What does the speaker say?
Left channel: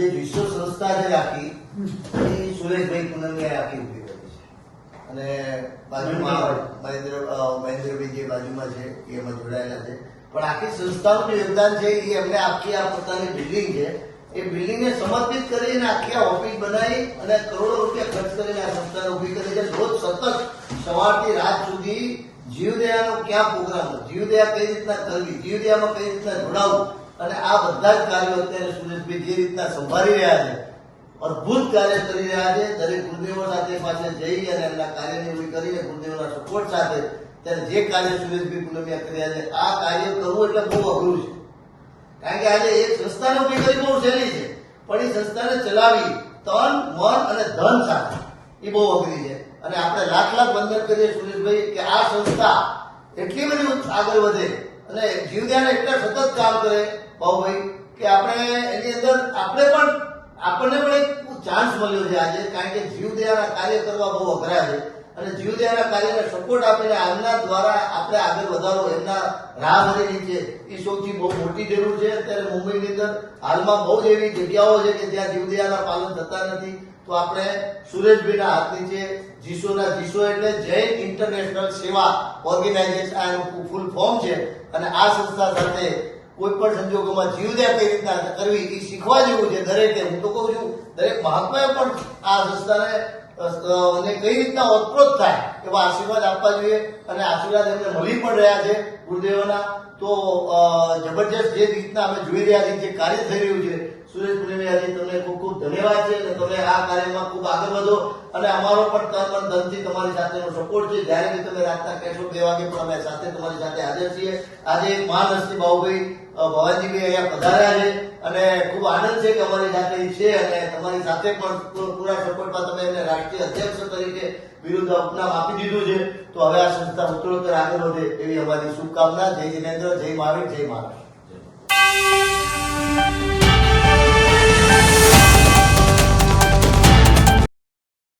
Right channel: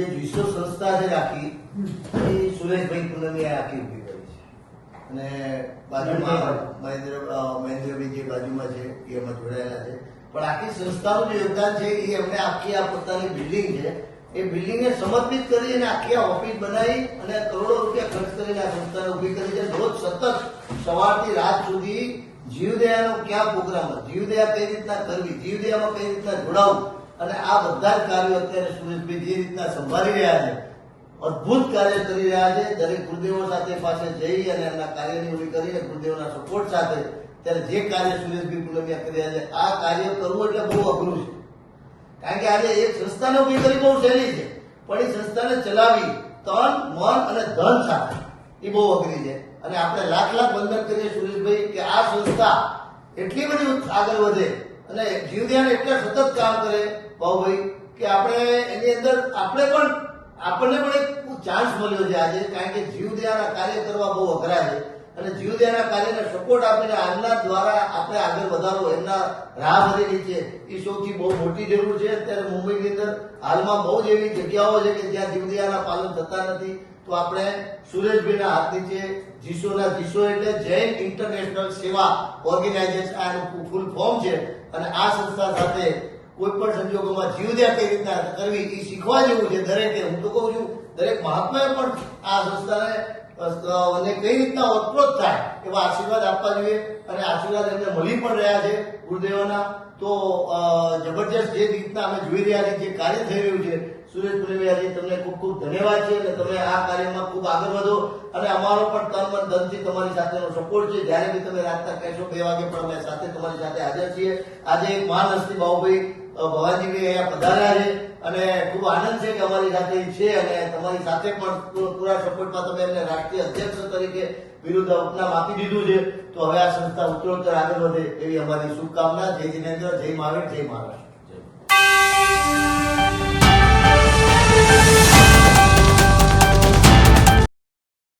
જે વિશ્વ સંસ્થા છે આખી એ સુરેશભાઈ પૂનમિયા આખી ઉભી કરી છે અને બાજુમાં મહેન્દ્રભાઈ જે બાજુમાં છે એ એમાં જોડાયેલા છે. પણ આખી સંસ્થાનું જે યોગદાન છે એ અમને આખી આ પોતાની બિલ્ડિંગ છે એ બિલ્ડિંગને સમર્પિત કરીને આખી આ ઓફિસ બનાવી અને કરોડો રૂપિયા ખર્ચ કરીને આ સંસ્થાને ઉભી કરી છે. રોજ સતત સવારથી રાત સુધી જીવદયાનો ક્યાં પ્રોગ્રામ, જીવદયા કઈ રીતના કરવી, જીવદયામાં કઈ રીતના જોડાવું અને આ બધા જ કાર્યો અત્યારે સુરેશભાઈ જે રીતના સંભાળી રહ્યા છે, અદભુત કાર્ય કરી રહ્યા છે. દરેક ગુરુદેવો સાથે પાસે જઈ અને એમના કાર્યની ઉભી કરીને ગુરુદેવોના સપોર્ટ સાથે ત્યારે જે કાર્ય સુરેશભાઈ પૂનમિયા કરી રહ્યા છે આ કાર્ય કરવું એટલે બહુ અઘરું છે. કારણ કે આજે એક સંસ્થાને ઉભી કરી બહુ સહેલી છે, પણ એ સંસ્થાને ચલાવી તન મન અને ધન સાથે એ બહુ અઘરી છે. અને આપણે લાખ લાખ વંદન કરીએ સુરેશભાઈ કે આ સંસ્થા એટલી બધી આગળ વધે અને જીવદયાને એટલે સતત કામ કરે ભાઉભાઈ કે આપણે એની અંદર આપણને પણ એક ચાન્સ મળ્યો છે આજે. કારણ કે જીવદયાના કાર્ય કરવા બહુ અઘરા છે અને જીવદયાના કાર્યને સપોર્ટ આપીને આમના દ્વારા આપણે આગળ વધારો એમના રાહ ભરેલી છે એ સૌથી બહુ મોટી જરૂર છે. અત્યારે મુંબઈની અંદર હાલમાં બહુ જ એવી જગ્યાઓ છે કે જ્યાં જીવદયાના પાલન થતા નથી. તો આપણે સુરેશભાઈના હાથ નીચે જીસો એટલે જૈન ઇન્ટરનેશનલ સેવા ઓર્ગેનાઇઝેશન આનું ફૂલ ફોર્મ છે અને આ સંસ્થા સાથે કોઈ પણ સંજોગોમાં જીવદયા કઈ રીતના કરવી એ શીખવા જેવું છે દરેકે. હું તો કહું છું દરેક મહાત્માએ પણ આ સંસ્થાને કઈ રીતના ઓતપ્રોત થાય એવા આશીર્વાદ આપવા જોઈએ અને આશીર્વાદ એમને મળી પણ રહ્યા છે ગુરુદેવોના. તો જબરજસ્ત જે રીતના અમે જોઈ રહ્યા છીએ જે કાર્ય થઈ રહ્યું છે સુરેશ પૂનમિયાજી તમને ખૂબ ખૂબ ધન્યવાદ છે અને તમે આ કાર્યમાં ખૂબ આગળ વધો અને અમારો પણ તન મન ધનથી તમારી સાથેનો સપોર્ટ છે. જ્યારે બી તમે રાતના કહેશો 2 વાગે પણ અમે સાથે તમારી સાથે હાજર છીએ. આજે એક મહાન હસ્તી ભાઉભાઈ ભવાજીભાઈ અહીંયા પધાર્યા છે અને ખૂબ આનંદ છે કે અમારી સાથે છે અને તમારી સાથે પણ પૂરા સપોર્ટમાં તમે એમને રાષ્ટ્રીય અધ્યક્ષ તરીકે વિરુદ્ધ ઉપનામ આપી દીધું છે. તો હવે આ સંસ્થા ઉત્તરોત્તર આગળ વધે એવી અમારી શુભકામના. જય જિનેન્દ્ર, જય મહાવીર, જય મહારાષ્ટ્ર.